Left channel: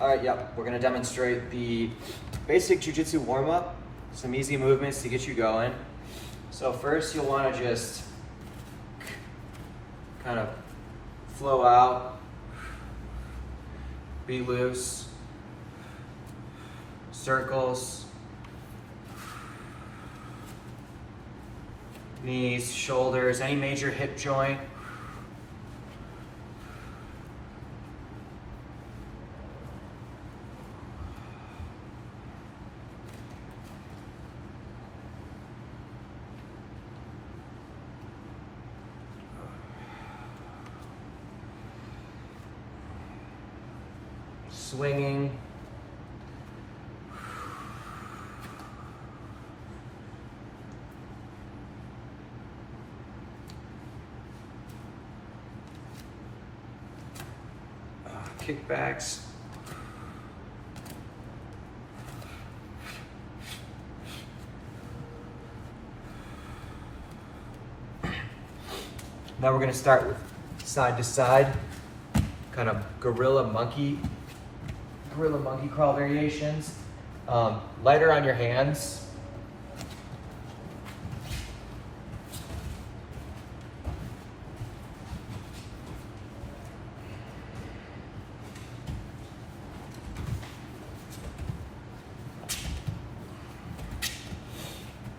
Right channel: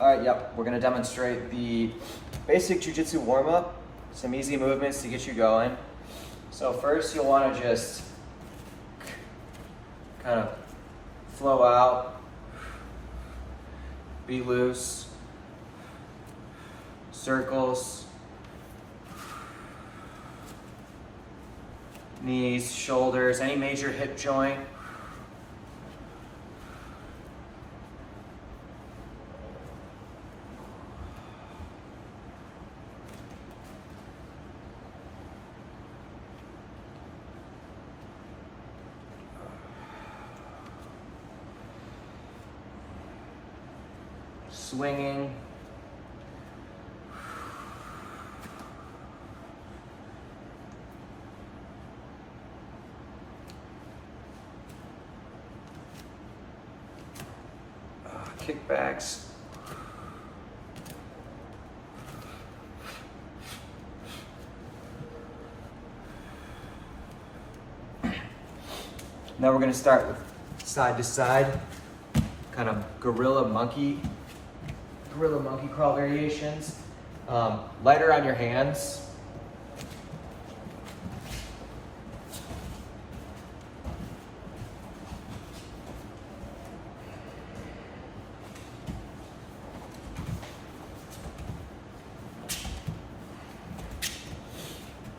All right, yep, we're gonna demonstrate the basic Jiu Jitsu warm up, some easy movements to get you going. So first you'll wanna just kind of flow out, be loose, circles, knees, shoulders, any major hip joint. Swinging. Kickbacks. Now we're going to start with side to side, kind of gorilla monkey crawl variations. Lighter on your hands.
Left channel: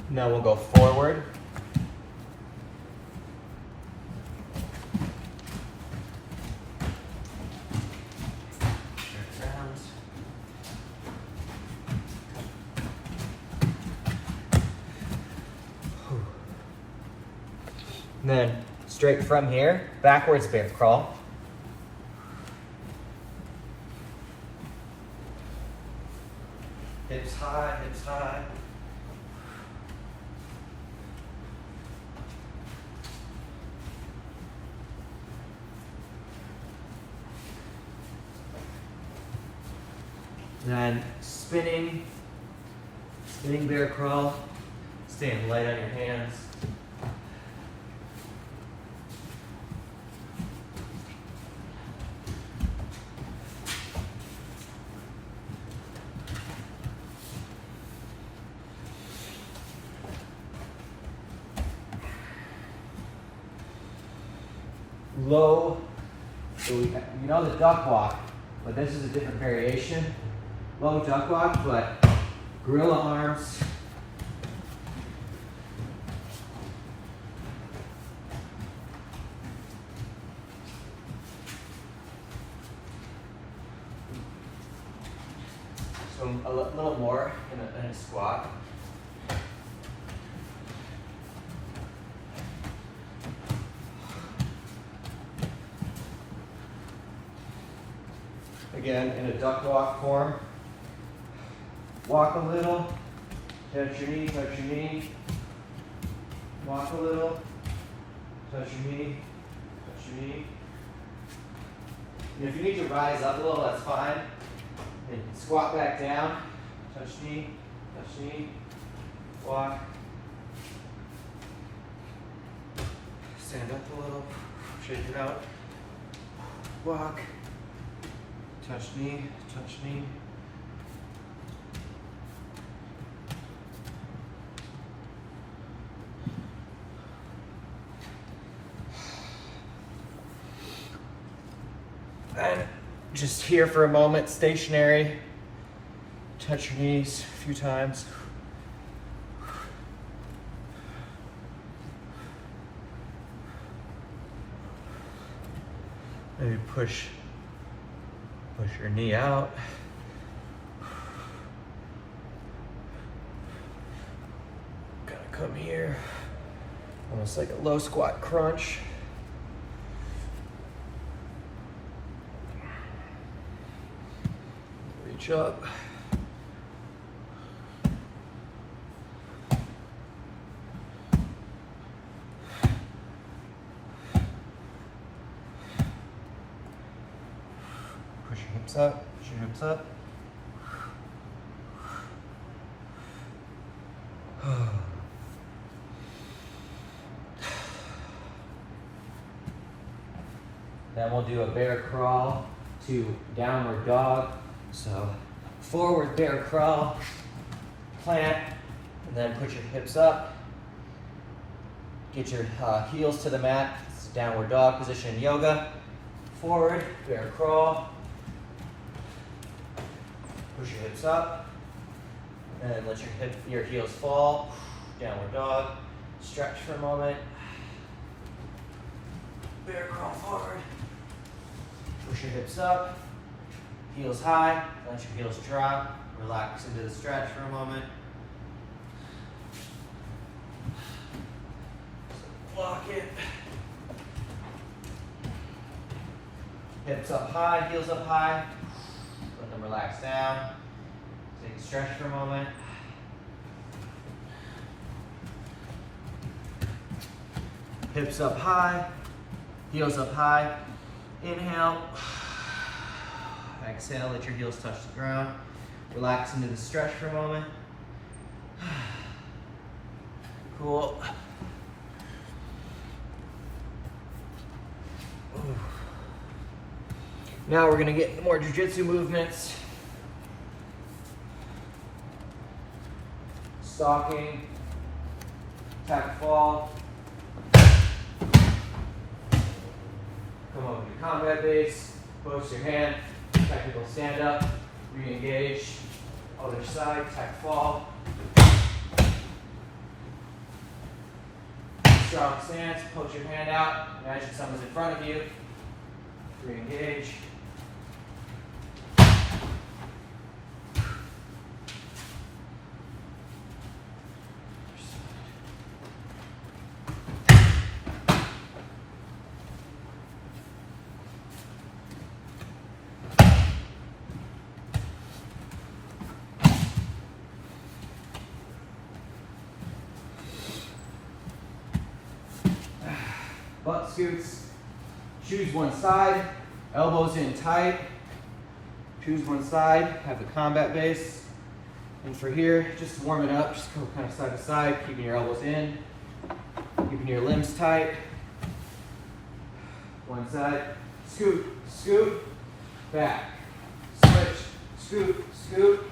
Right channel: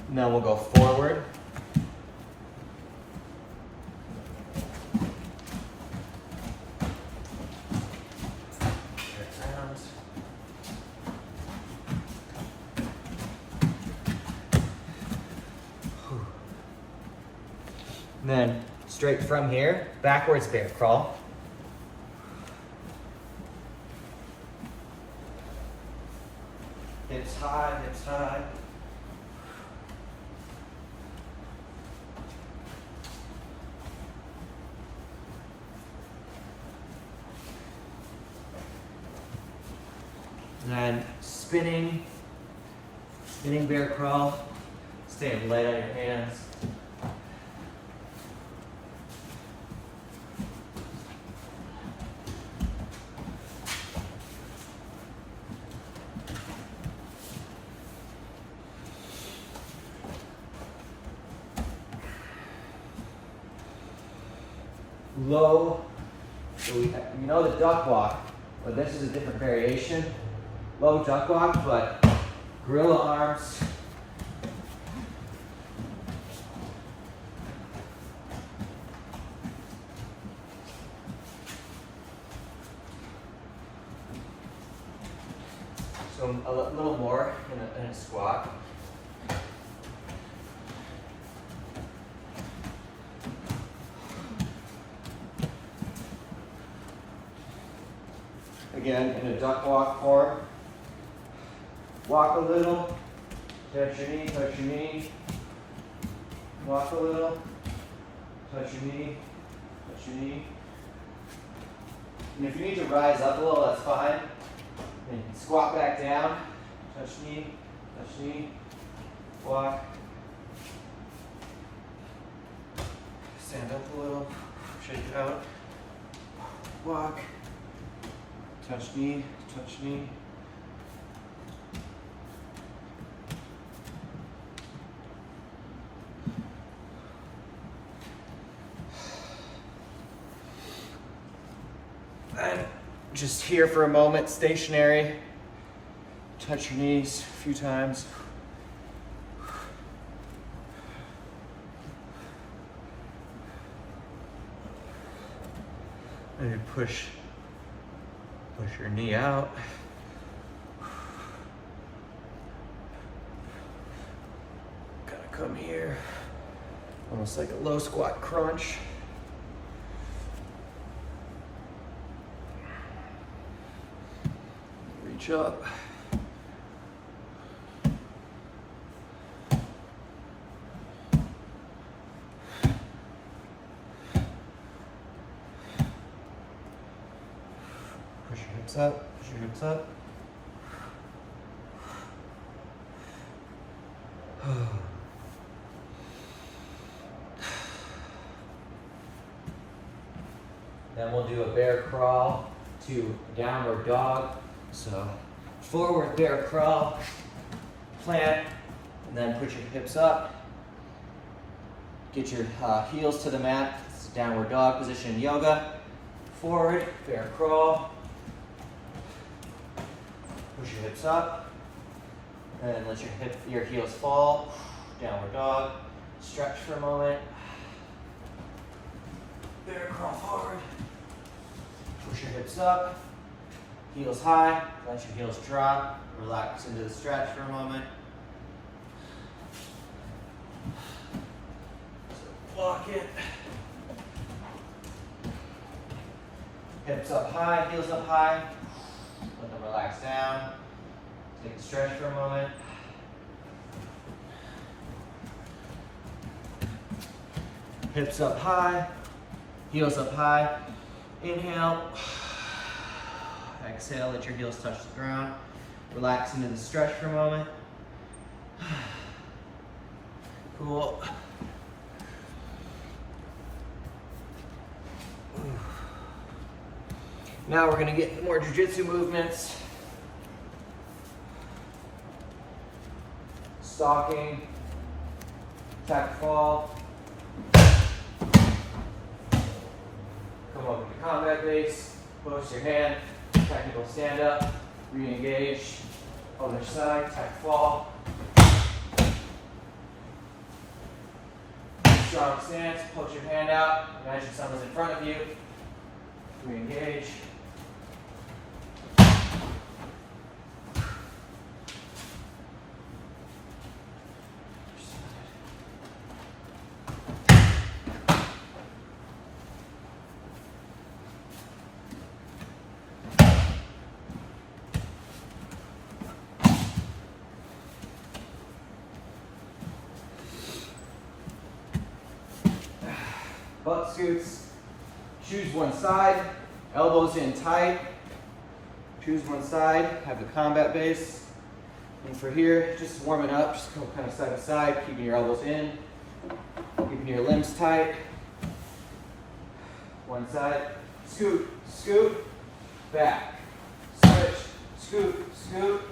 Now we'll go forward. And then straight from here, backwards bear crawl. Hips high, hips high. Then spinning bear crawl, staying light on your hands. Low, so you know the duck walk, but this is a different variation. Low duck walk, but gorilla arms. So a little more in a squat. Again, in a duck walk form. Walk a little, touch your knee, walk a little, touch your knee, touch your knee. And if you need to rise up a little, that's fine. And you can squat back down, touch knee, walk. Stand up a little, shake it out, walk, touch knee, touch knee. And just here for a moment, stationary. Touch your knees a few times. Maybe push your knee out. Gotta come here. Almost like a low squat crunch. Reach up. Push your hips up, push your hips up. Then we'll do a bear crawl to downward dog. So forward bear crawl, plant, and then put your hips up. Get your heels to the mat. It's a downward dog position in yoga. Forward bear crawl. Push your hips up. And let your heels fall. Downward dog. Stretch for a moment. Bear crawl forward. Push your hips up. Heels high. Let your heels drop. Relax into the stretch for a moment. Lock it. Hips up high, heels up high. Let them relax down. Take a stretch for a moment. Hips up high, heels up high. Inhale. Exhale, let your heels touch the ground. Relax into the stretch for a moment. Cool. Now we're gonna get into more jiu-jitsu movements. Stalking, tap fall. Come over to combat base, post your hand, technical stand up, re-engage. Other side, tap fall. Strong stance, post your hand out, imagine someone's in front of you. Re-engage. Butt scoots. Choose one side. Elbows in tight. Choose one side. Have the combat base. And for here, just warm it up. Just go kind of side to side, keeping your elbows in, keeping your limbs tight. One side. Scoot, scoot, back. Switch, scoot, scoot,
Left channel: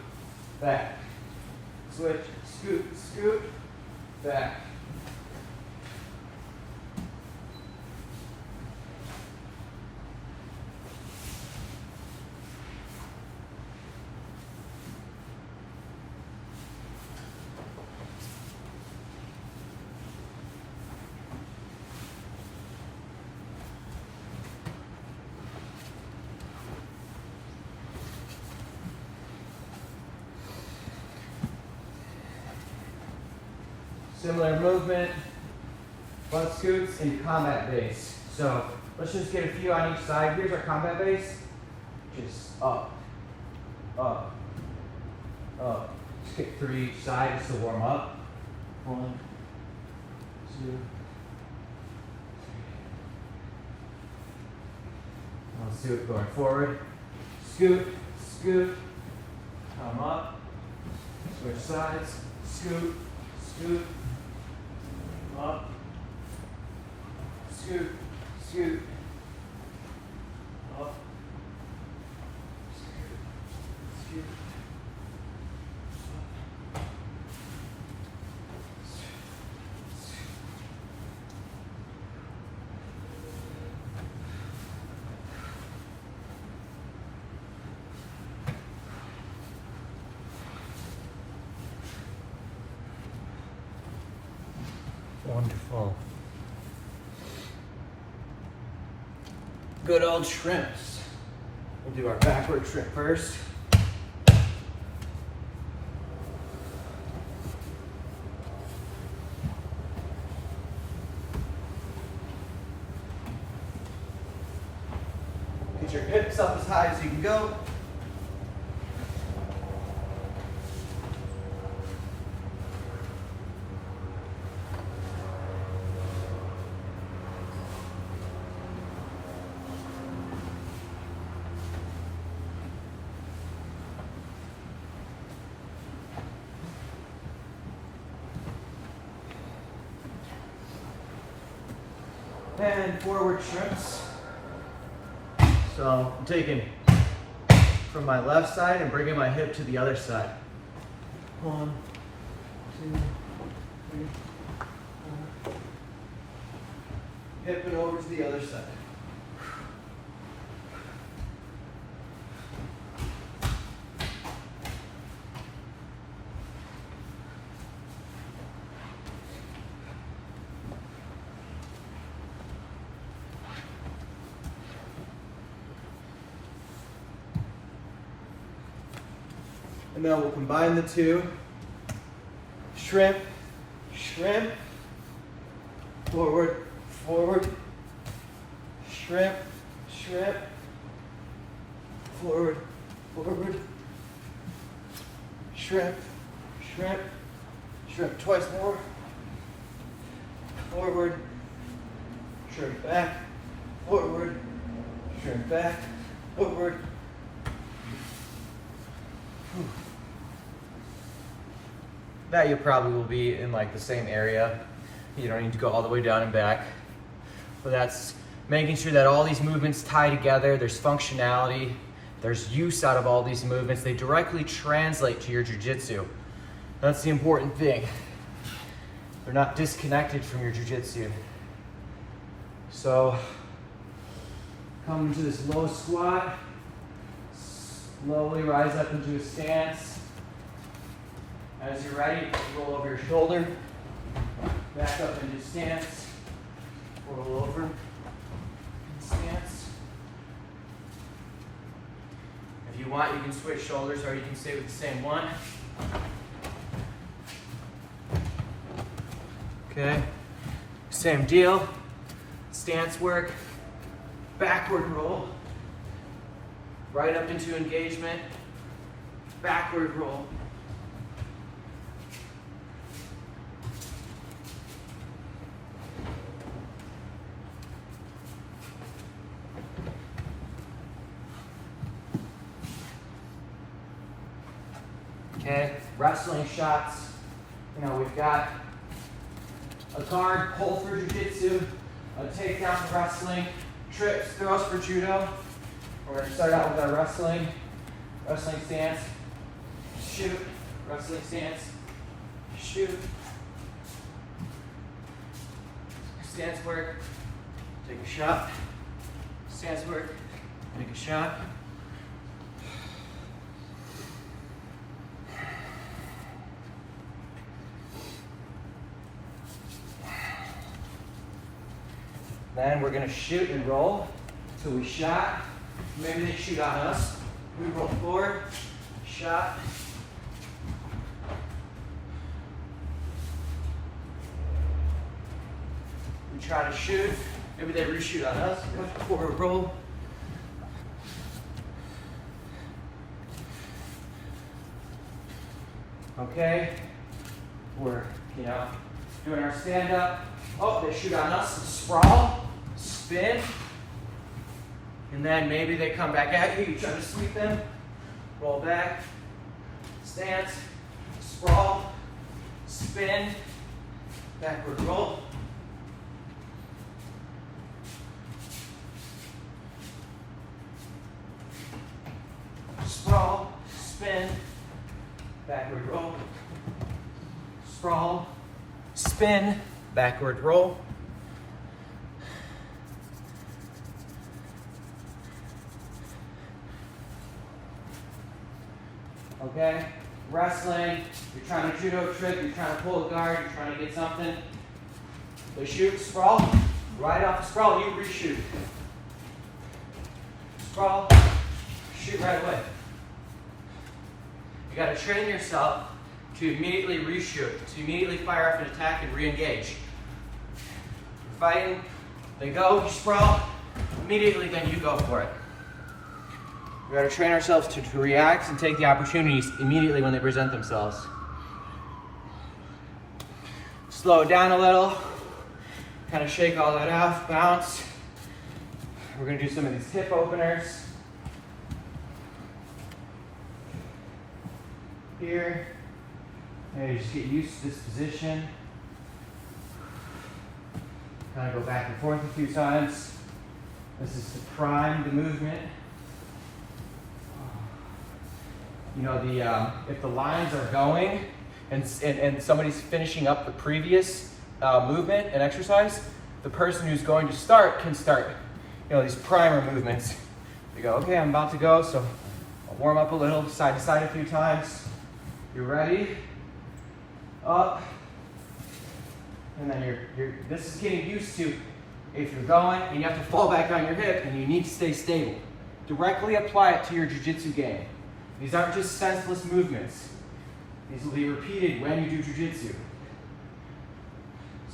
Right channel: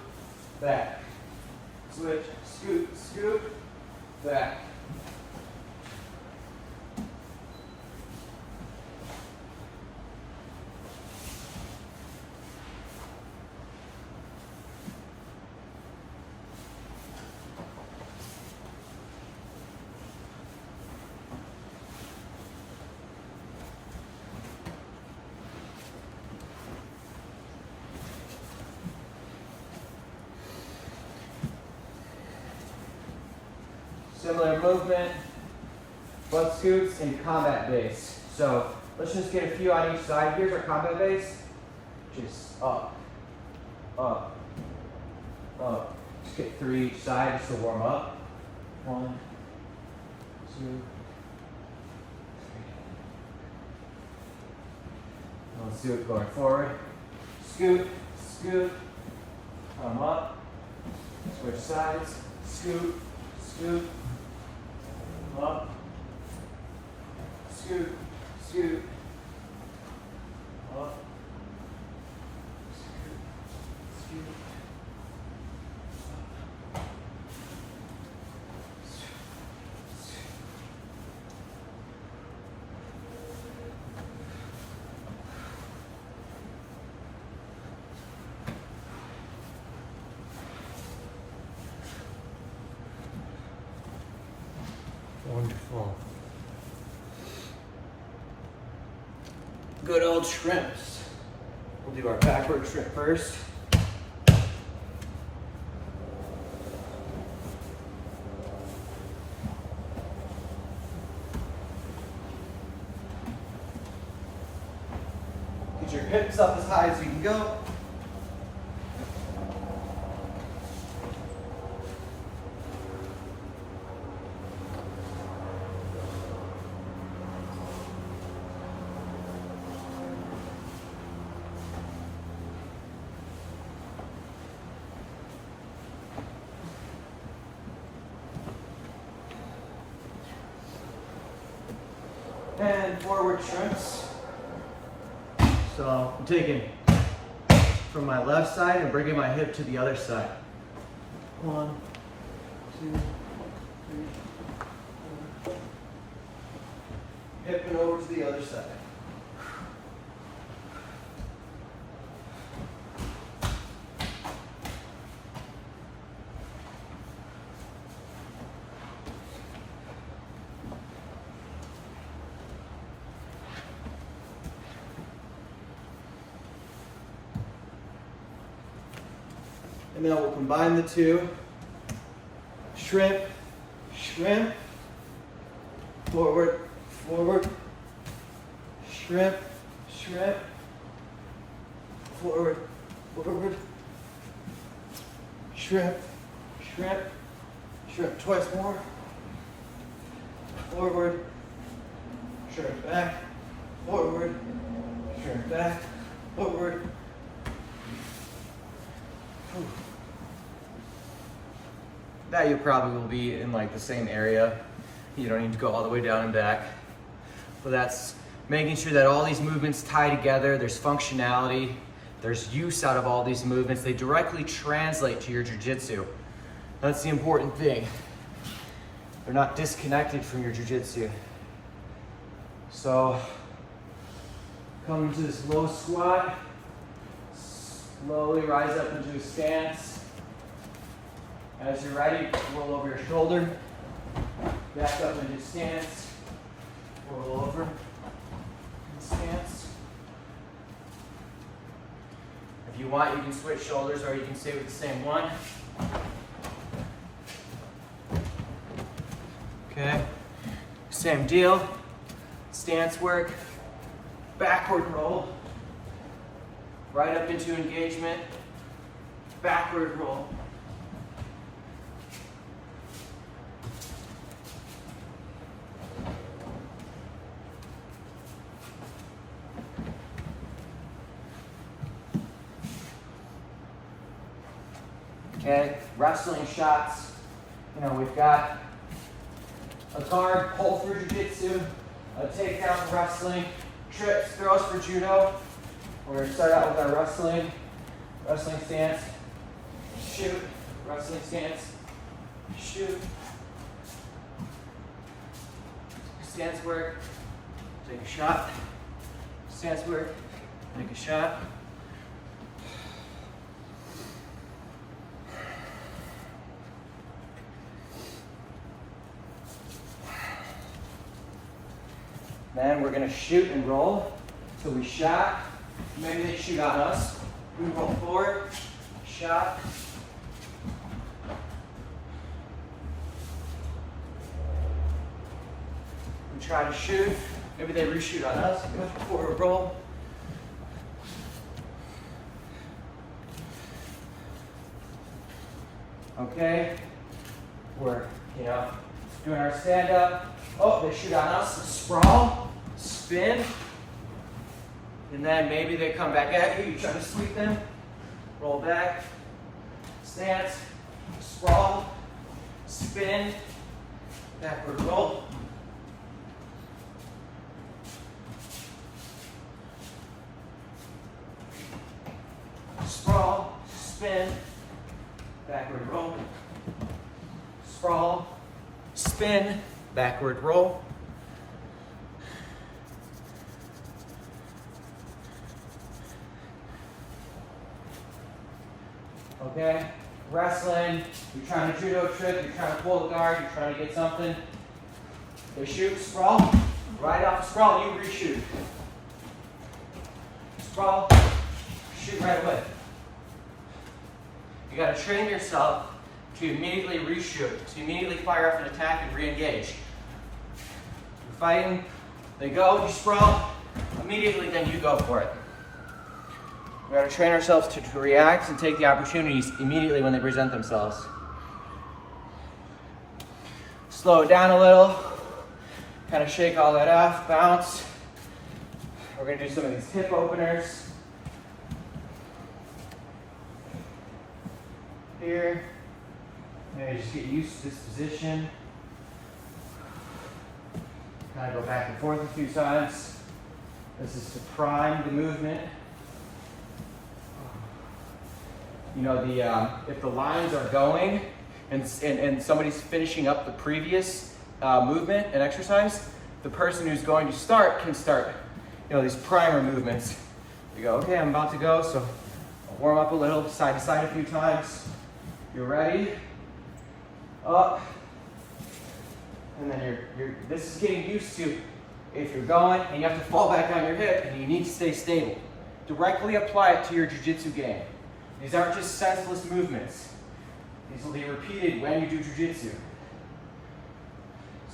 back. Switch, scoot, scoot, back. Similar movement, butt scoots, and combat base. So let's just get a few on each side. Here's our combat base. Just up, up, up. Just get 3 each side just to warm up. 1, 2, 3. Let's do it going forward. Scoot, scoot, come up. Switch sides, scoot, scoot. Up, scoot, scoot, up, scoot, scoot, up, scoot. Wonderful. Good old shrimps. We'll do our backward shrimp first. Get your hips up as high as you can go. And forward shrimps. So I'm taking from my left side and bringing my hip to the other side. 1, 2, 3, 4. Hip and over to the other side. And then we'll combine the two. Shrimp, shrimp, forward, forward, shrimp, shrimp, forward, forward, shrimp, shrimp, shrimp twice more, forward, shrimp back, forward, shrimp back, forward. That you probably will be in like the same area. You don't need to go all the way down and back. But that's making sure that all these movements tie together. There's functionality. There's use out of all these movements. They directly translate to your jiu-jitsu. That's the important thing. They're not disconnected from your jiu-jitsu. So, come into this low squat. Slowly rise up into a stance. As you're ready, roll over your shoulder. Back up into stance. Roll over. Stance. If you want, you can switch shoulders or you can stay with the same one. Okay. Same deal. Stance work. Backward roll. Right up into engagement. Backward roll. Okay, wrestling shots. You know, we've got a guard pull through jiu-jitsu, a takedown for wrestling, trips, throws for judo. We're going to start out with our wrestling stance, shoot, wrestling stance, shoot, stance work, take a shot, stance work, take a shot. Then we're going to shoot and roll. So we shot, maybe they shoot on us. We roll forward, shot. We try to shoot, maybe they reshoot on us. Forward roll. Okay, we're, doing our stand up. Oh, they shoot on us, sprawl, spin, and then maybe they come back at you, you try to sweep them, roll back, stance, sprawl, spin, backward roll. Sprawl, spin, backward roll, sprawl, spin, backward roll. Okay, wrestling, you're trying to judo trick, you're trying to pull the guard, you're trying to get something. We shoot, sprawl, right off the sprawl, you reshoot. Sprawl, shoot right away. You gotta train yourself to immediately reshoot, to immediately fire off an attack and re-engage. You're fighting, they go, you sprawl, immediately then you go for it. We gotta train ourselves to react and take the opportunities immediately when they present themselves. Slow it down a little, kind of shake all that off, bounce. We're gonna do some of these hip openers. Here. And just get used to this position. Kind of go back and forth a few times. This is to prime the movement. you know, if the lines are going and somebody's finishing up the previous movement and exercise, the person who's going to start can start, you know, these primer movements. You go, okay, I'm about to go, so I'll warm up a little, side to side a few times. You're ready, up, and then this is getting used to, if you're going and you have to fall back on your hip and you need to stay stable. Directly apply it to your jiu-jitsu game. These aren't just senseless movements. These will be repeated when you do jiu-jitsu.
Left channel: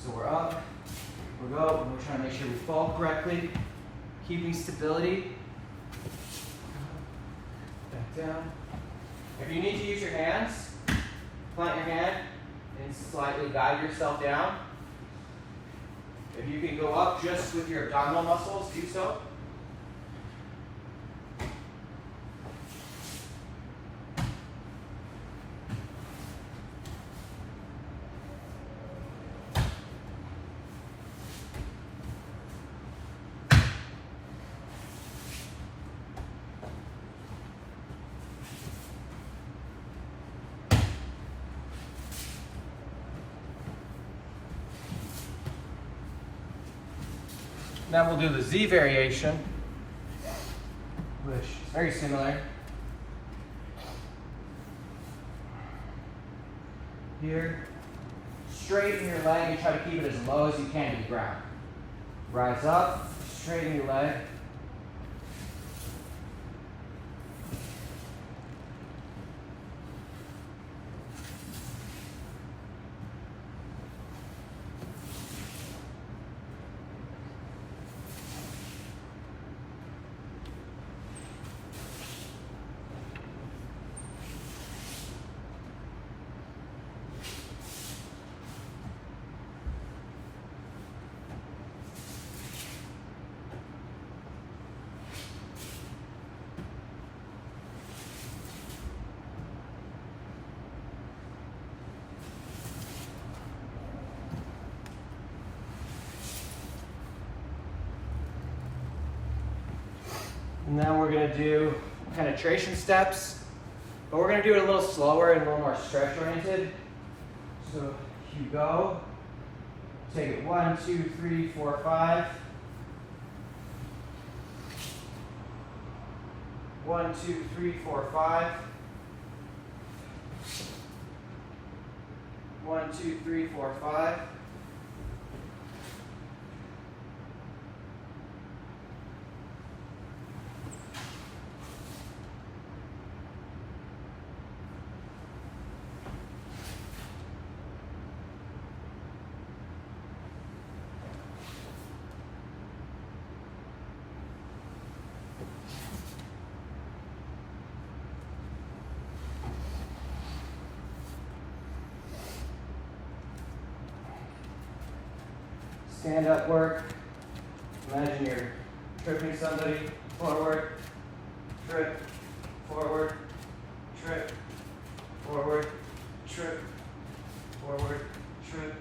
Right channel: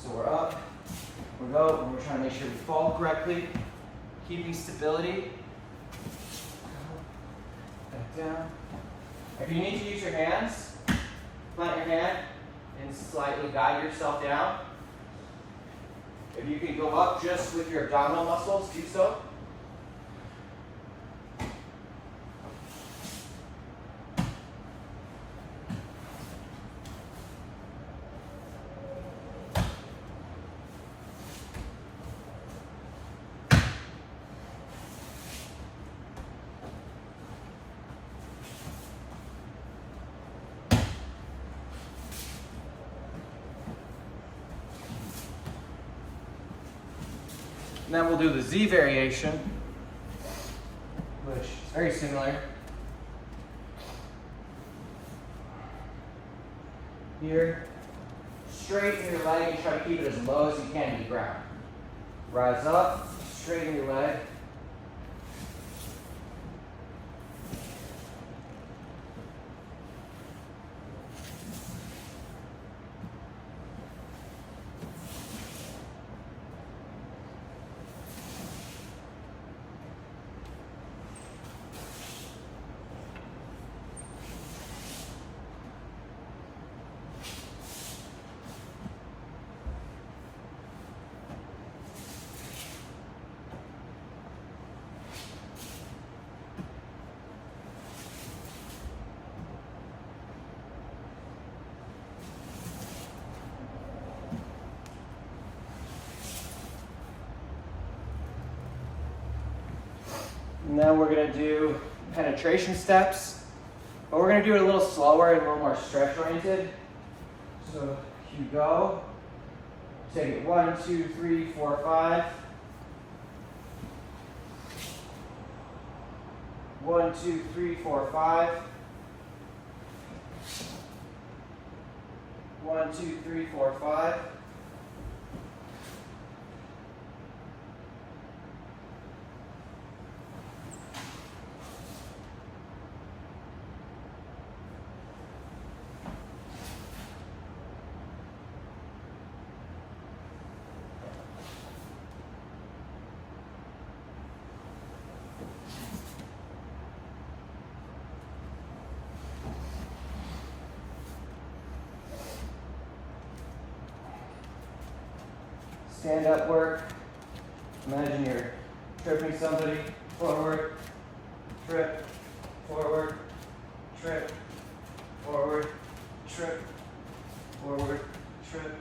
So we're up, we go, and we're trying to make sure we fall correctly, keeping stability. Back down. If you need to use your hands, plant your hand and slightly guide yourself down. If you can go up just with your abdominal muscles, do so. And then we'll do the Z variation, which is very similar. Here, straighten your leg and try to keep it as low as you can to the ground. Rise up, straighten your leg. And then we're going to do penetration steps, but we're going to do it a little slower and a little more stretch oriented. So you go, take it 1, 2, 3, 4, 5. 1, 2, 3, 4, 5. 1, 2, 3, 4, 5. Stand up work. Imagine you're tripping somebody. Forward, trip, forward, trip, forward, trip, forward, trip.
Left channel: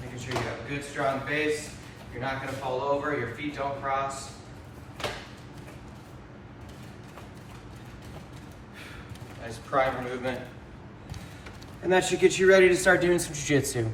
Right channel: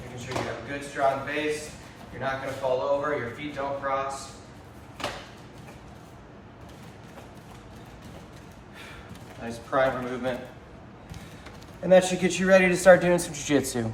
Making sure you have a good strong base. You're not going to fall over. Your feet don't cross. Nice primer movement. And that should get you ready to start doing some jiu-jitsu.